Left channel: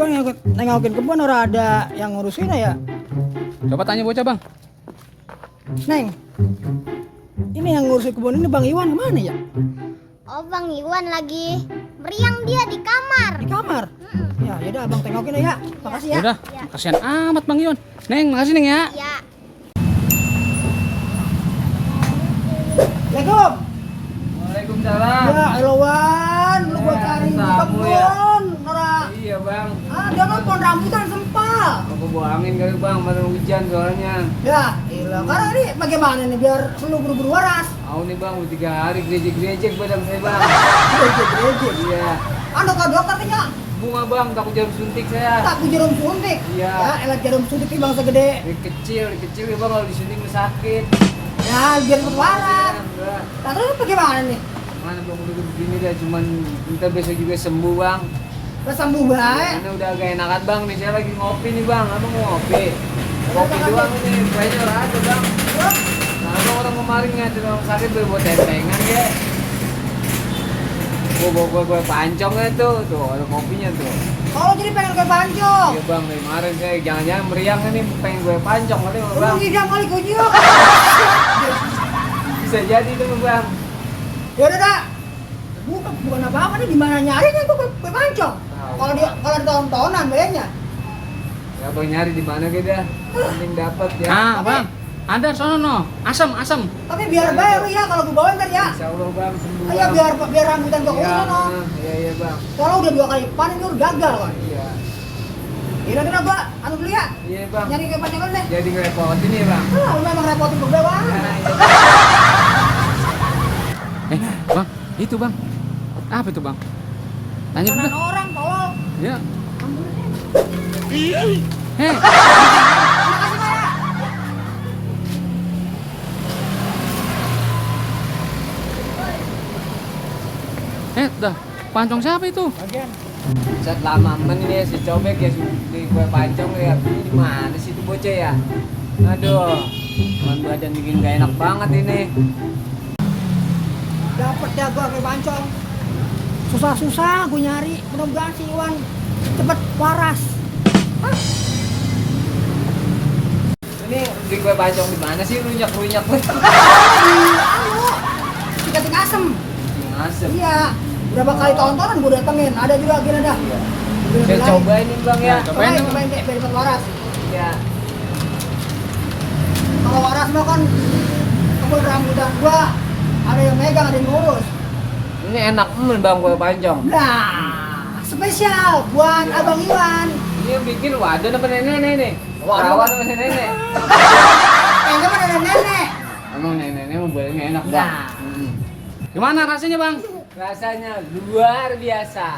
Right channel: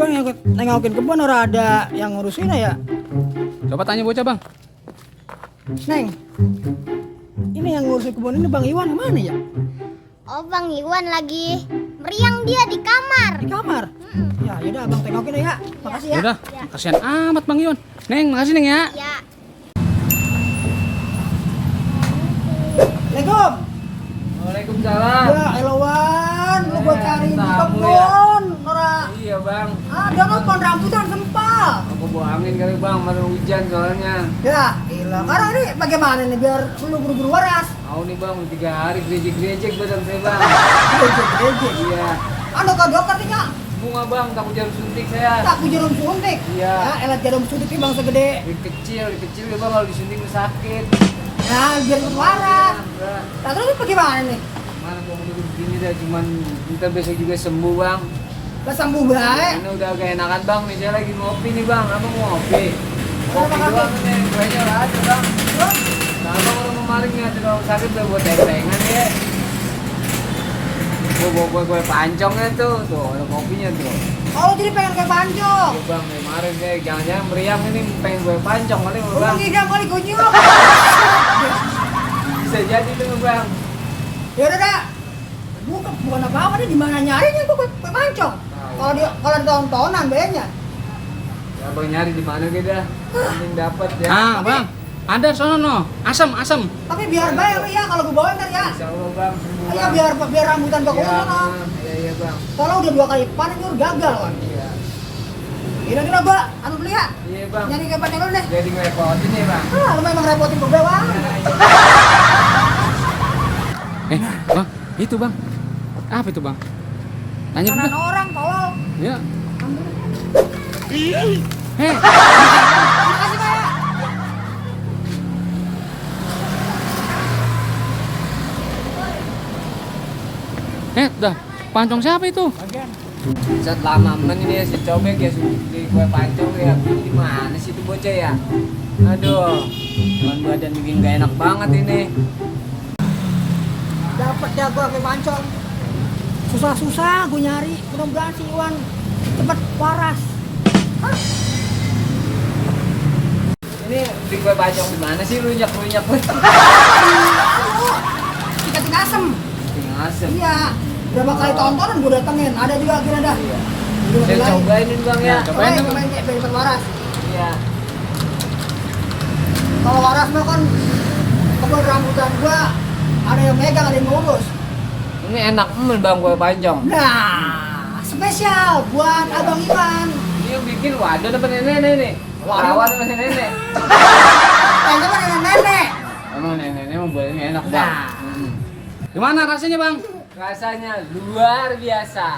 juga nengokin kebun, orang ada yang ngurusin ya. Coba tanya bocah bang. Neng, ini yang ngurusin kebun ini Bang Iwan kemana ya? Oh, Bang Iwan lagi meriang dia di kamar. Di kamar. Ya yaudah abang tengokin ya. Makasih ya. Yaudah, kasihan amat bang Iwan. Neng, makasih neng ya. Ya. Assalamualaikum. Waalaikumsalam. Ya Elawan, lu gua cari di tamu kebun, Nora. Iya bang. Dia mau pohon rambutan sempal. Aku bawa angin kali bang, baru hujan soalnya. Ya, ilah. Karena ini bagaimana nih biar lu buru-buru waras? Mau nih bang, udah 3 hari gerejek-gerejek badan saya bang. Gejek-gejek. Iya. Anu ke dokter nih Kak? Bunga bang, takut jarum suntik saya. Tak jarum suntik. Iya. Ya, elah jarum suntik ini bang segede. Kecil ya bang, kalau disuntik sakit. Nah, biar lu waras. Enggak. Nah, terus bagaimana nih? Mana bang udah begini dah, cuman kita besok juga sembuh bang. Udah sembuh baik. Ini udah agak enakan bang, nih saya lagi ngopi nih bang, abang mau ngopi. Udah Kopi makan doang ini, kuenya udah ada bang. Terus? Nah abang orang kemarin ya, di rumah sakit buat tempengan ya. Gue pancong ya tuh ada kopinya tuh. Oh, jadi pengen kayak pancong. Iya bang, kemarin saya jangan-jangan meriang ini pengen gue pancong kali Lu bang. tiga kali kunyuk. Bisa jadi tuh bang. Ya udah Kak. Bukan apa-apa nih, di mana nyarinya tuh kue pancong. Tahu. Kalau di tontonan bayarnya. Ya bang nyari di mana gitu ya, penting dapat ya. Ah, bang, ada sono no, asam. Tapi biar bayar ya kalau gue bawain kan ya. Insya Allah bang, sembuh Iya bang. biar rambutan toko Iya, sono. iya bang. Kalau udah 2 kali panen itu udah gagal kan. Iya. Kira-kira gua anu beli ya. Iya bang. Nyari kayak pancong dulu deh. Jadi ngerepotin ya bang. Ah, lu memang repotin gue bang. Bang, itu bang. Apa itu bang? Tanya Kanan dulu. orang tolong. Ya. Ambil aja. Heh. Makasih Pak. Dah. Pancong siapa itu? Bagian. Saat lama men ini ya si cobek ya sudah gue pancong ya. Gimana sih itu bocah ya? Aduh. Man badan bikin gak enak banget ini. Dapat dah gua kue pancong. Susah-susah gue nyari. Mudah-mudahan si Iwan cepet waras. Hah? Ini di gue pancong di mana sih runyak-runyak banget. Aduh. Tingkatin asem. Asem. Iya. Berapa kali tontonan gue datengin. Ada juga gini dah. Iya. Gila, Saya gila. cobain ini bang ya. Cobain kayak biar cepet waras. Iya. Kalau waras mah kan kebun rambutan gua ada yang megang, ada yang ngurus. Ini enak bang gue pancong. Nah, spesial buat Abang Iwan. Ini yang bikin waduh apa nenek nih? Warawat apa nenek? Kayaknya mah nenek-nenek. Emang nenek mau boleh enak bang. Nah. Gimana rasanya bang? Rasanya luar biasa.